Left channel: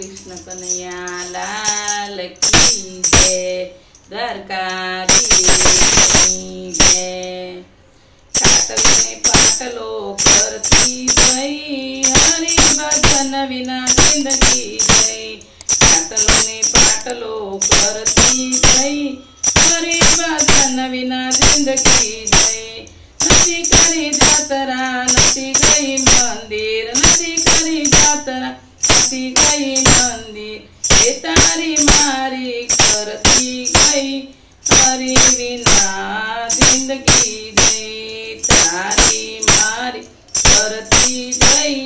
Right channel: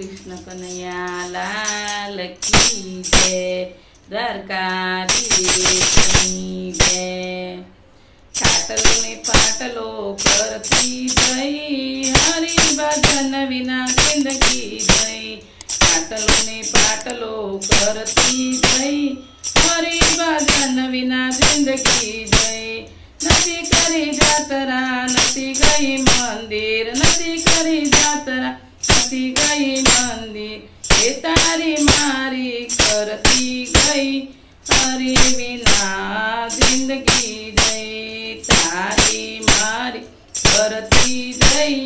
कृष्ण कन्हैया लाल की जय। द्वारकाधीशની જય। ખાટલો ને પાટલો પરથી જઈ હરિ ભજન વિના જિંદગી જઈ। ખાટલો ને પાટલો પરથી જઈ હરિ ભજન વિના જિંદગી જઈ। નથી કરી જાતરા નથી ગઈ મંદિર, નથી કરી જાતરા નથી ગઈ મંદિર। એ તારી મારી કરતી ગઈ હરિ વિના જિંદગી જઈ। તારી મારી કરતી ગઈ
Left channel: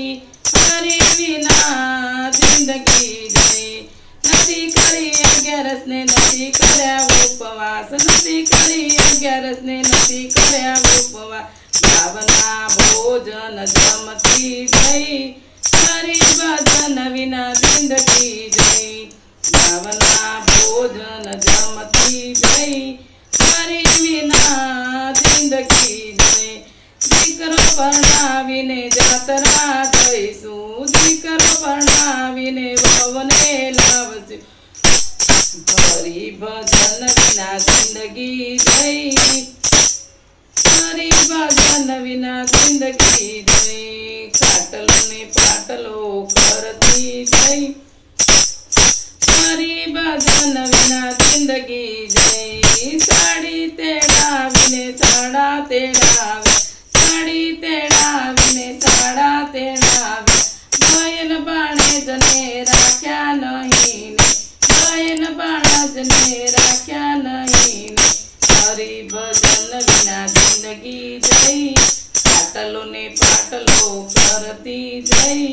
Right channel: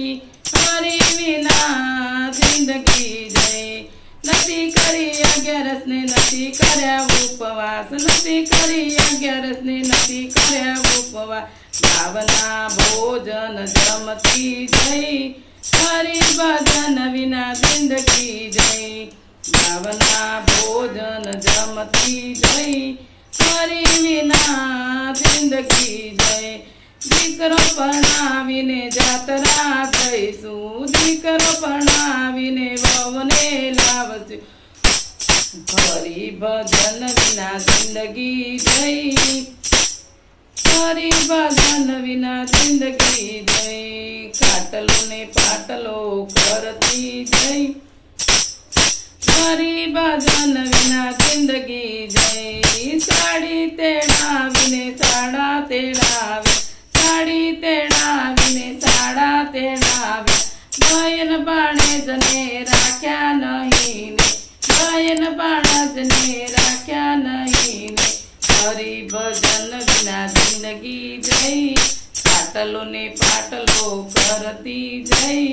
હરિ વિના જિંદગી જઈ। નથી કરી 11 ને નથી કર્યા ઉપવાસ, નથી કરી 11 ને નથી કર્યા ઉપવાસ। ભાવના ભોજન જમતી ગઈ હરિ ભજન વિના જિંદગી જઈ। ભાવના ભોજન જમતી જઈ હરિ વિના જિંદગી જઈ। દીકરો પરણાવીને જાતરા જઈશું, દીકરો પરણાવીને વહુને લાવશું હરિ ભજન વિના જિંદગી જઈ। હરિ ભજન વિના જિંદગી જઈ। ખાટલો ને પાટલો કરતી જઈ હરિ ભજન વિના જિંદગી જઈ। સાડી તેડાવીને સાડા તેડાવે, સાડી તેડાવીને સાડા તેડાવે। બહેન ભાણેજને રાખ્યા નહીં, બહેન ભાણેજને રાખ્યા નહીં। હરિ ભજન વિના જિંદગી જઈ। ખાટલો ને પાટલો કરતી જઈ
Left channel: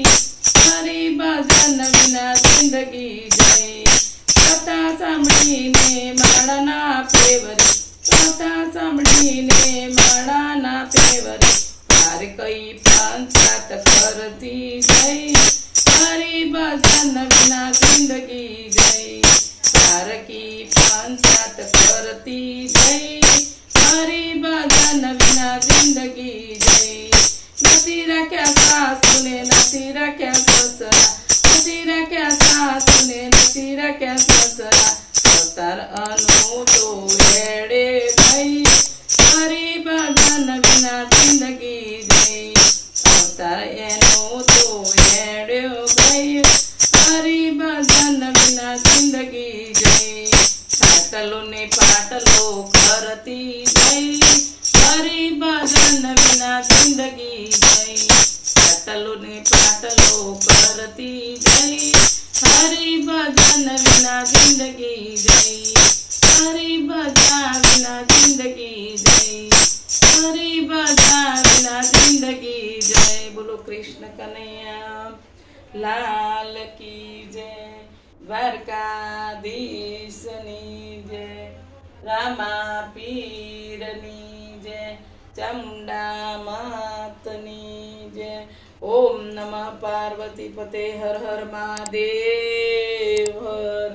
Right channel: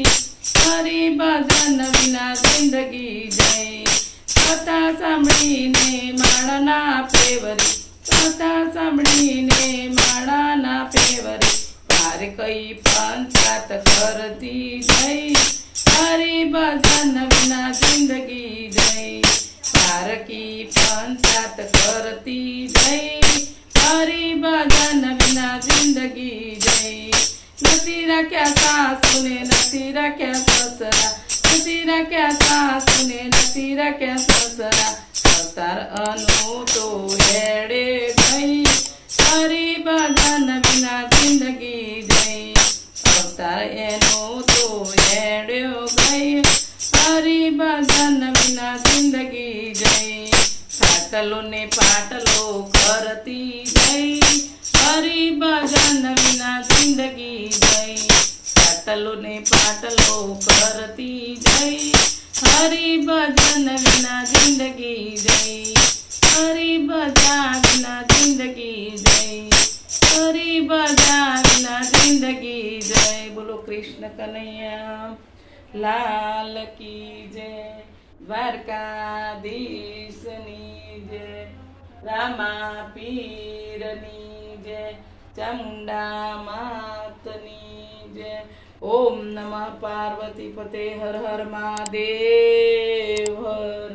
હરિ ભજન વિના જિંદગી જઈ। કથા સાંભળીને માળાના પેવરી, કથા સાંભળીને માળાના પેવરી। પાર કઈ પંચાત કરતી જઈ હરિ ભજન વિના જિંદગી જઈ। પાર કી પંચાત કરતી જઈ હરિ ભજન વિના જિંદગી જઈ। નથી રાખ્યા સાસુને નથી રાખ્યા સસરા, નથી રાખ્યા સાસુને નથી રાખ્યા સસરા। અવતાર અનુ તો રેડે ગઈ હરિ ભજન વિના જિંદગી જઈ। અવતાર એનો તો રેડ્યો ગઈ હરિ ભજન વિના જિંદગી જઈ। ખાટલો ને પાટલો કરતી જઈ હરિ ભજન વિના જિંદગી જઈ। ખાટલો ને પાટલો કરતી જઈ હરિ ભજન વિના જિંદગી જઈ। હરિ ભજન વિના જિંદગી જઈ, હરિ ભજન વિના જિંદગી જય। બોલો કૃષ્ણ કનૈયા લાલ કી જય। દ્વારકાધીશની જય, રામા પીરની જય, ચામુંડા માતની જય। ઓમ નમઃ પાર્વતી પતે હર હર મહાદેવ હર।